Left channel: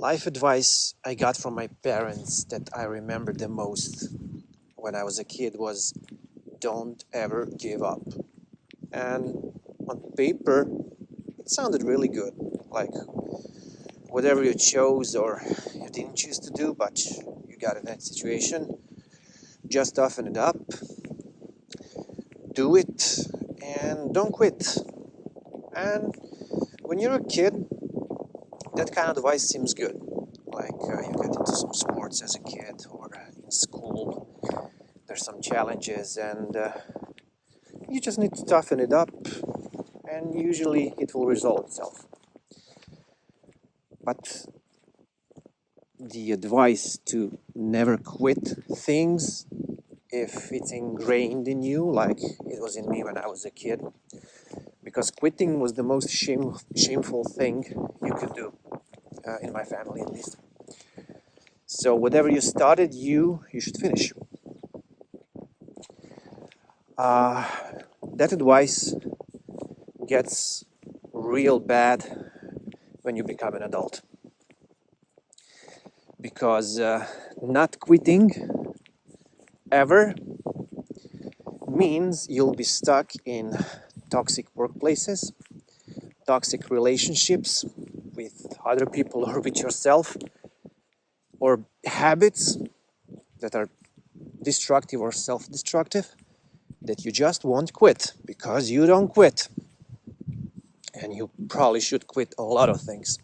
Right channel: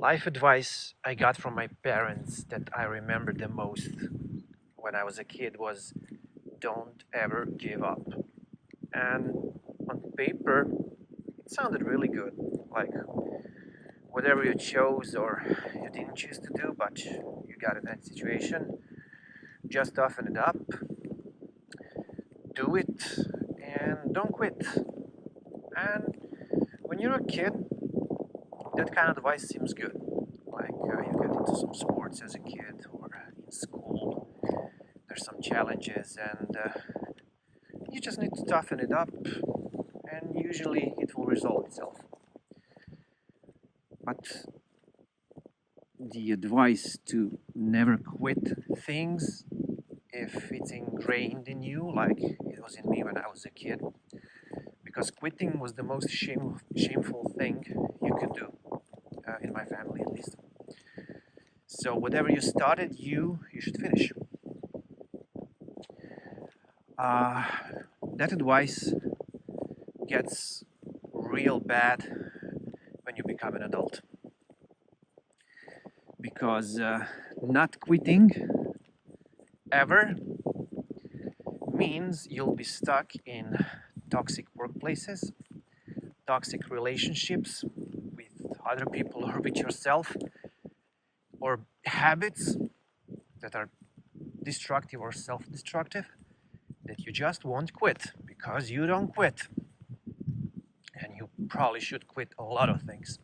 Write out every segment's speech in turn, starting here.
Life advice I got from my parents that I remember the most when I was a kid was don't ever give up. And on paper, it sounded really good. Like whatever you chose or you didn't choose to do, but you got in that situation, just toughen it up, do it, and don't quit. And when you're a kid, that kind of advice seems good. Like you get into some sports as a kid or in school, there's some challenges, and you just need to toughen it up, and usually it will resolve itself. But the advice to never quit things if it's ingrained in you, like it was in me when I was a kid, because quitting was the most shameful thing you could do, in my family at least. So whatever you started, you should finish. Uh, that advice gets real bad when you become an adult, because not quitting ever means you'll be stuck in toxic workplaces, toxic relationships with other people or with yourself, or habits that are destructive or self-destructive that you just won't quit because you don't quit. And you probably should quit a lot of things.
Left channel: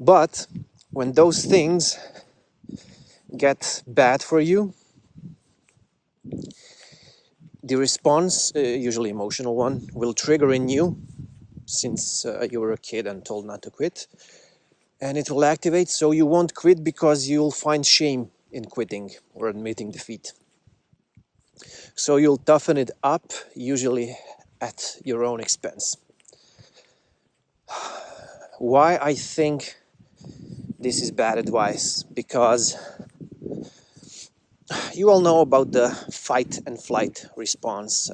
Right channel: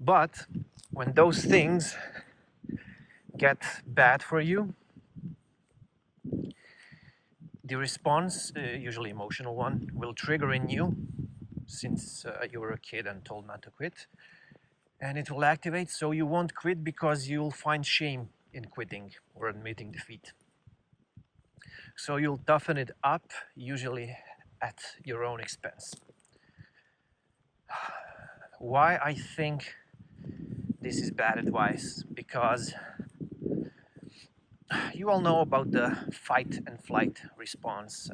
But when those things get bad for you, the response, usually emotional one, will trigger in you, since you were a kid and told not to quit, and it will activate, so you won't quit because you'll find shame in quitting or admitting defeat. So you'll toughen it up, usually at your own expense. Why I think this is bad advice? Because you all know about the fight and flight response.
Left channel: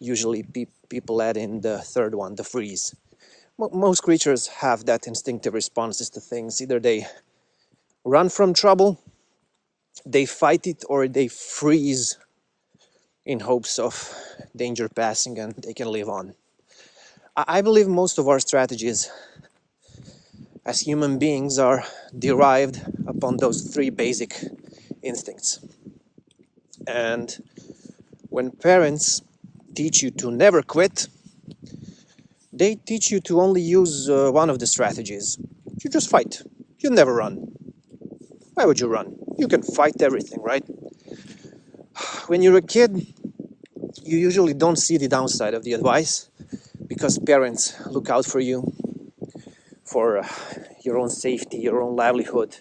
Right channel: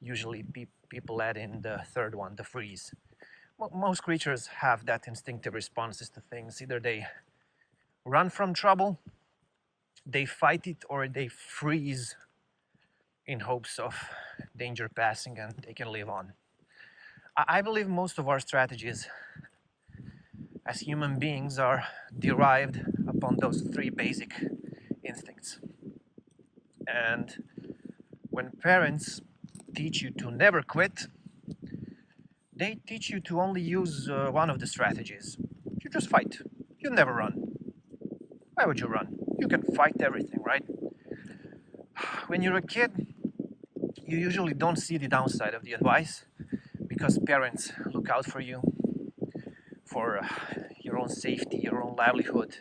Usually people add in the third one, the freeze. Most creatures have that instinctive responses to things. Either they run from trouble, they fight it, or they freeze in hopes of danger passing and they can live on. I believe most of our strategies as human beings are derived upon those three basic instincts. And when parents teach you to never quit, they teach you to only use one of the strategies. You just fight. You never run. Why would you run? You can fight everything, right? When you're a kid, you usually don't see the downside of the advice because parents look out for you, for your own safety, your own livelihood.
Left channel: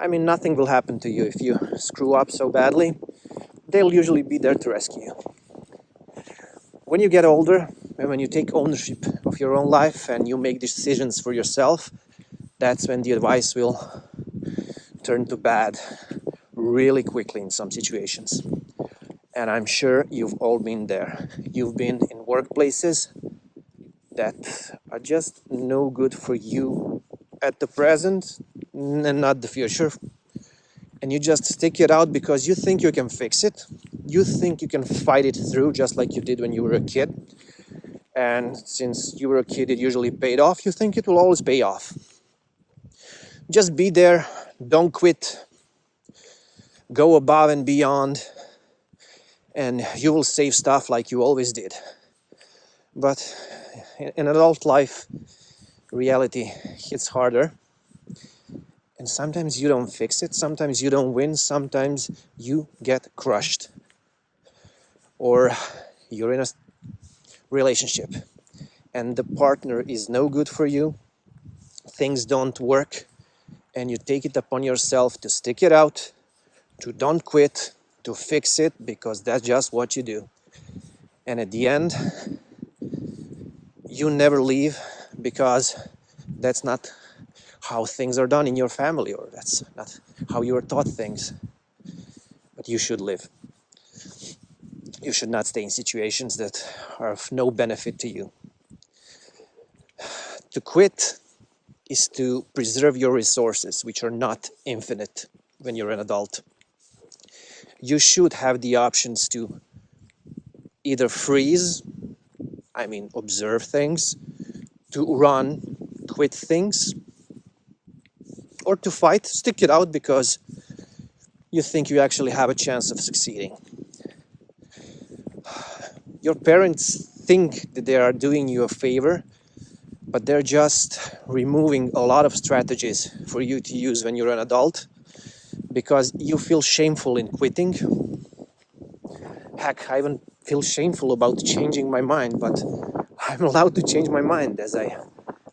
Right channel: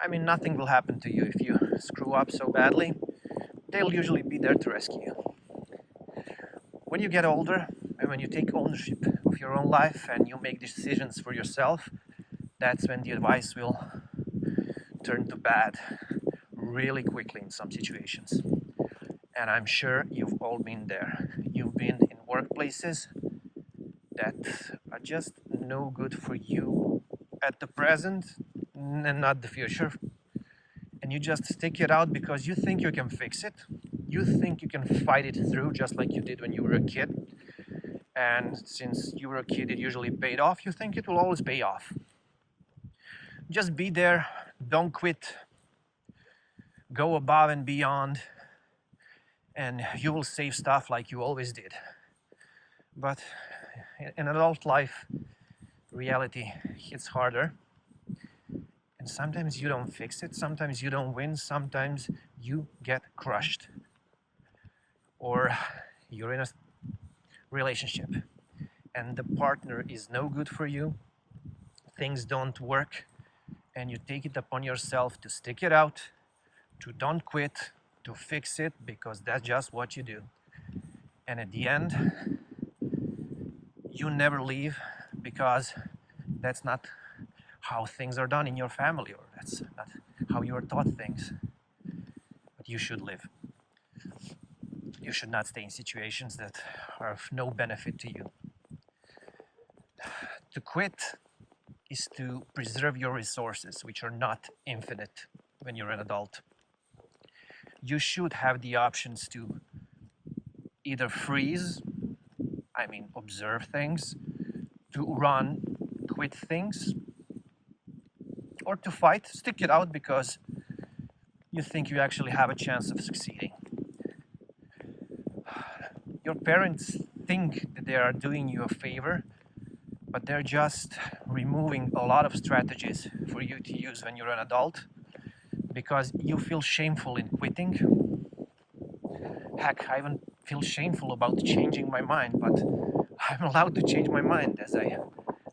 I mean, nothing will happen to you if you screw up so badly. They'll usually be there to rescue you. When you get older, and when you take ownership of your own life and you make decisions for yourself, that's when the advice will turn to bad really quickly in some situations. And I'm sure you've all been there. You've been in workplaces that are just no good for you at the present and not the future. And you just stick it out because you think you can fix it. You think you can fight it through just like you did when you were a kid. And since you were a kid, it usually paid off. You think it will always pay off. Just be there. Don't quit. Go above and beyond. And you will save stuff like you always did. But in adult life, reality hits harder. And sometimes you don't fix it. Sometimes you don't win. Sometimes you get crushed. Or you're in a relationship and the partner is no good for you. Things don't work. And you take it upon yourself to stick it out, to don't quit, to fix it, because that's just what you do. And at the end, you never leave because that's not how things are done in your family, or that's not how you are taught things. But you should live. You should not stay in situations that are of no benefit to you. To quit is to preserve your resources, which are not infinite when you're an adult. You should have the options to either freeze, I mean observe things, to run, quit things, or to fight, stick it out because you think you actually have a chance of succeeding. Your parents think that they are doing you a favor, but they're just removing a lot of strategies for you to use when you're an adult because you feel shameful in quitting. Heck, I even feel shameful about changing my mind, but I'm allowed to change my mind as I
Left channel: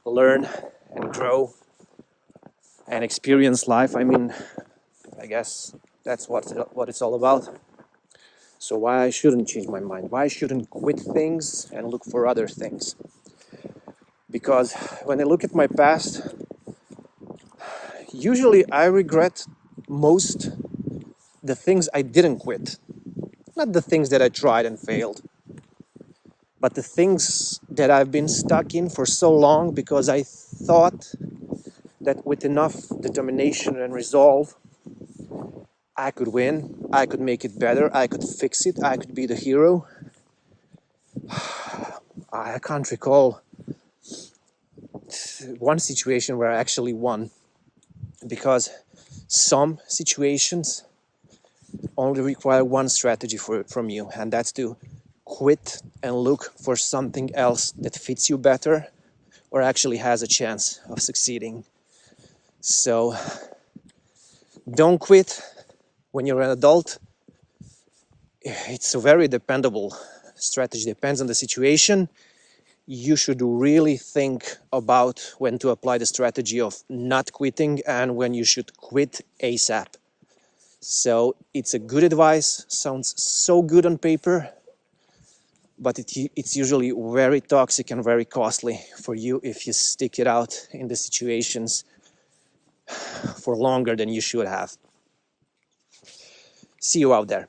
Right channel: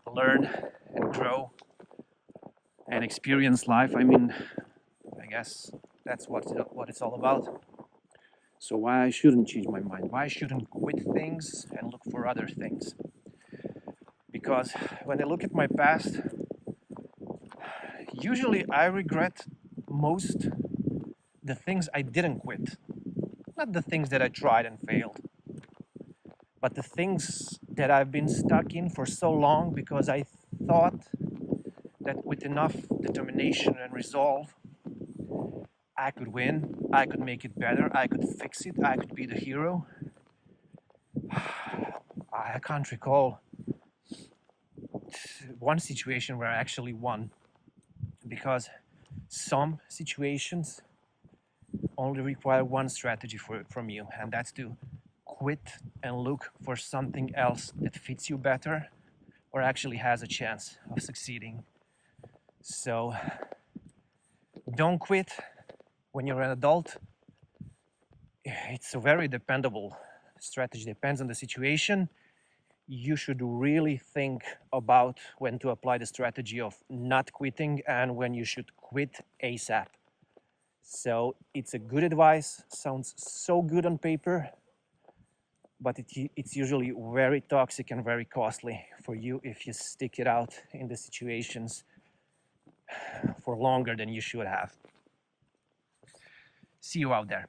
learn and grow and experience life. I mean, I guess that's what it's all about. So why I shouldn't change my mind? Why I shouldn't quit things and look for other things? Because when I look at my past, usually I regret most the things I didn't quit. Not the things that I tried and failed, but the things that I've been stuck in for so long because I thought that with enough determination and resolve, I could win, I could make it better, I could fix it, I could be the hero. I can't recall one situation where I actually won, because some situations only require one strategy from you, and that's to quit and look for something else that fits you better or actually has a chance of succeeding. So don't quit when you're an adult. It's a very dependable strategy, depends on the situation. You should really think about when to apply the strategy of not quitting and when you should quit ASAP. So it's a good advice, sounds so good on paper, but it's usually very toxic and very costly for you if you stick it out in the situations for longer than you should have. See you out there.